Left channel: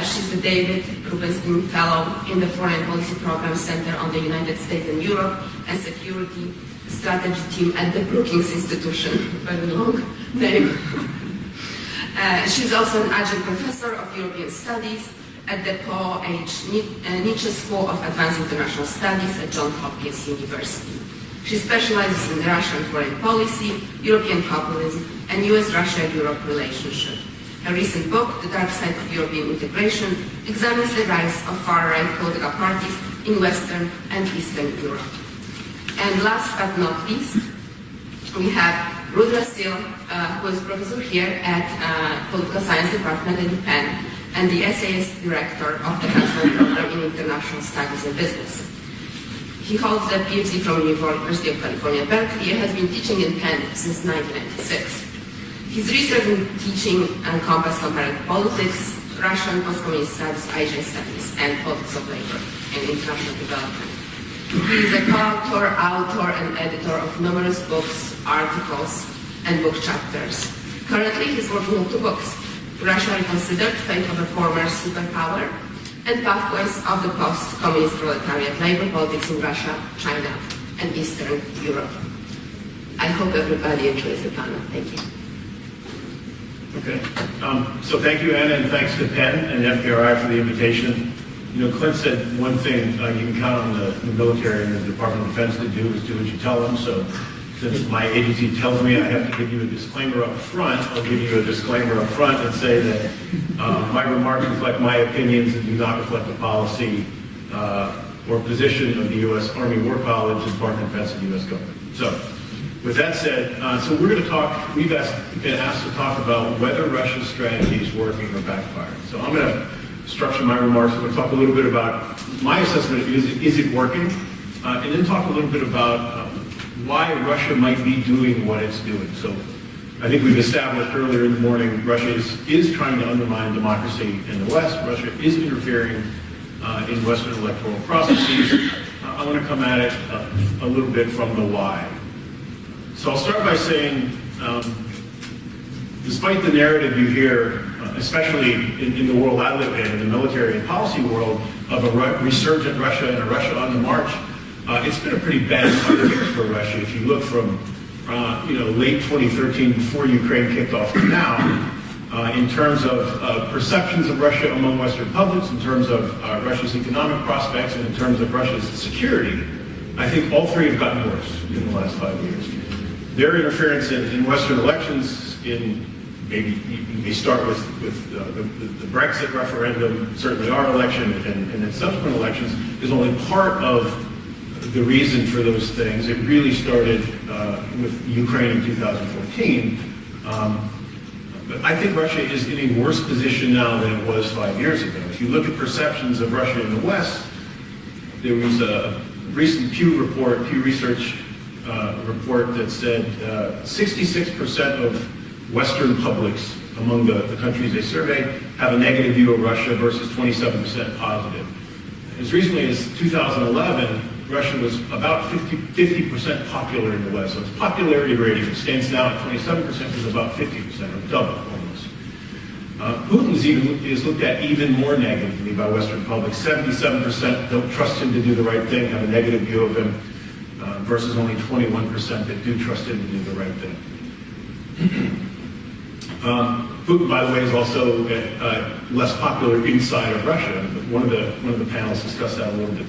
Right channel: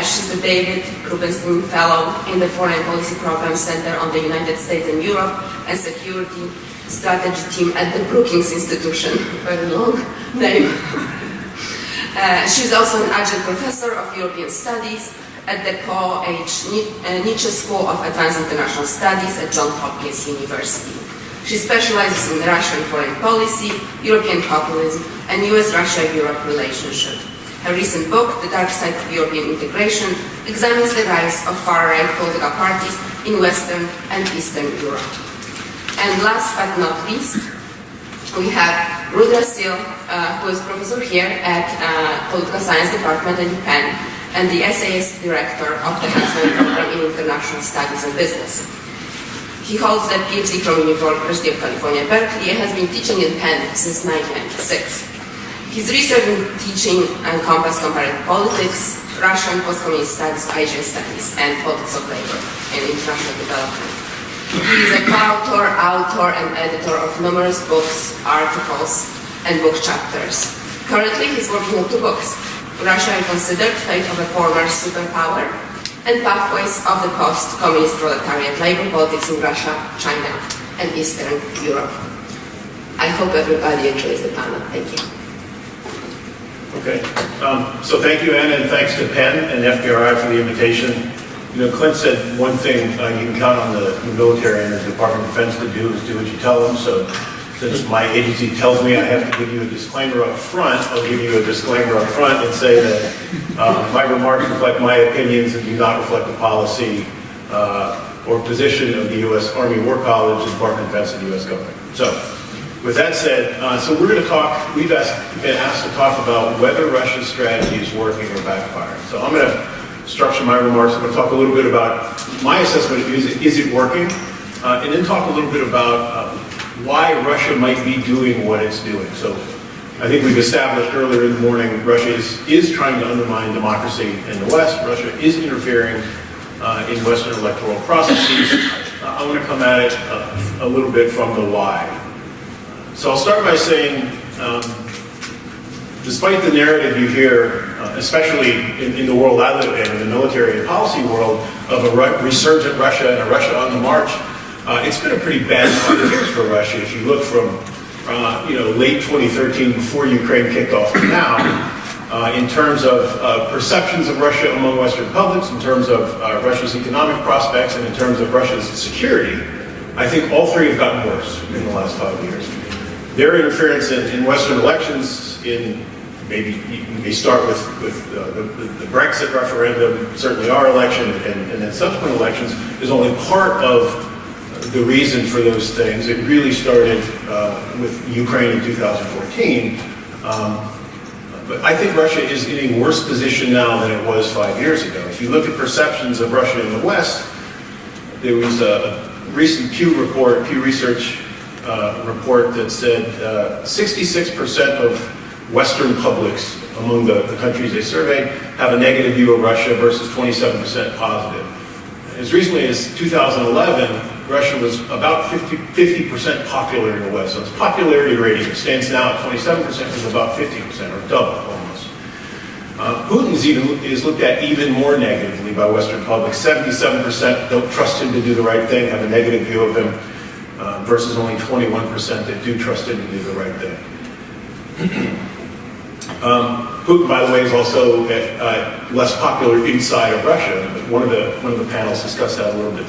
She's the David Rubenstein Fellow in the Foreign Policy Program Center on the United States and Europe and Security Strategy Team at the Brookings Institution. Very long name. She's also an adjunct professor of European Studies at the Paul H. Nietzsche School of Advanced International Studies at Johns Hopkins University. She specializes in Russian foreign policy, European populism, and US-Russia-Europe relationship. Her recent book, The Dark Side of European Integration, examines the rise of far-right political parties in Western and Eastern Europe. And last but not least, we have Rudra Sil, who is professor here at Political Science Department at UPenn, and the essayist director of the Huntsman Program in International Studies and Business. He holds a PhD from University of California, Berkeley, and has been teaching in Penn since 1996. His research and teaching encompass comparative politics, Russian post-communist studies, Asian studies, and politics of labor and international development. He is a co-author, author, and editor of numerous books, articles, and book chapters. Currently, he's working on 2 books, Russia Reconsidered, Fate of a Former Superpower, and Pathways of the Post-Communist Proletariat, Labor Politics in Russia, China, and Eastern Europe. I hope everybody enjoys the panel. Thank you. Okay, so thank you, Anna, and thanks to Penn and FPRI for the invitation. You know, Clint said one thing you can count on the military and the Department of Defense to do is do what you tell them. So since my agency tells me I have to give you a disclaimer up front, I'll give you a disclaimer up front and say that my remarks reflect my opinions and do not reflect the policy or position of the U.S. Army War College, the Department of Defense, and the U.S. government. So with that said, so we're going to talk, we've been asked to talk about whether Russia's strategy is working or backfiring. So I'm going to structure my remarks. I'm going to talk a little bit about my assessment of is it working, and then talk a little bit about why Russia might be doing what it's doing. So I think we've established earlier in the morning, Russia is trying to undermine democracy in the West. Russia is interfering in Western electoral processes. I want to come at it a little bit from the why. So I'll start by saying, despite the narrative you hear, especially in the world I live in the military and policy world, of a resurgent Russia and a Russia on the march, it's been a pretty bad 5 years for Russia. If you look from late 2013, before Ukraine kicked off, to now, in terms of perceptions of Russia among Western publics, in terms of Russia's economic prospects, and in terms of Russia's security, I think all 3 have gotten worse in the last 5 years. Their interference in Western elections, in maybe you may start with the Brexit referendum, certainly our election, and then subsequent elections, is only part of the reason for those things. It really started with Ukraine in 2014. But I think Russia is in a worse position now than it was 5 years ago. If you look at perceptions of Russia in the West, there was a recent Pew Research report that said 66% of Western publics among the countries they surveyed have a negative view of Russia versus 27% positive. As recently as 2011, Russia was about 50% popular in the West. So its popularity rating stands now at 27%, is about 50%, or double almost. Putin is looked at even more negatively by Western publics. 77% don't trust him to do the right thing, have a negative view of him, versus only 21% that do trust him to do the right thing. Putin, by the way, is also less popular inside of Russia. One of the panels discussed that a little bit.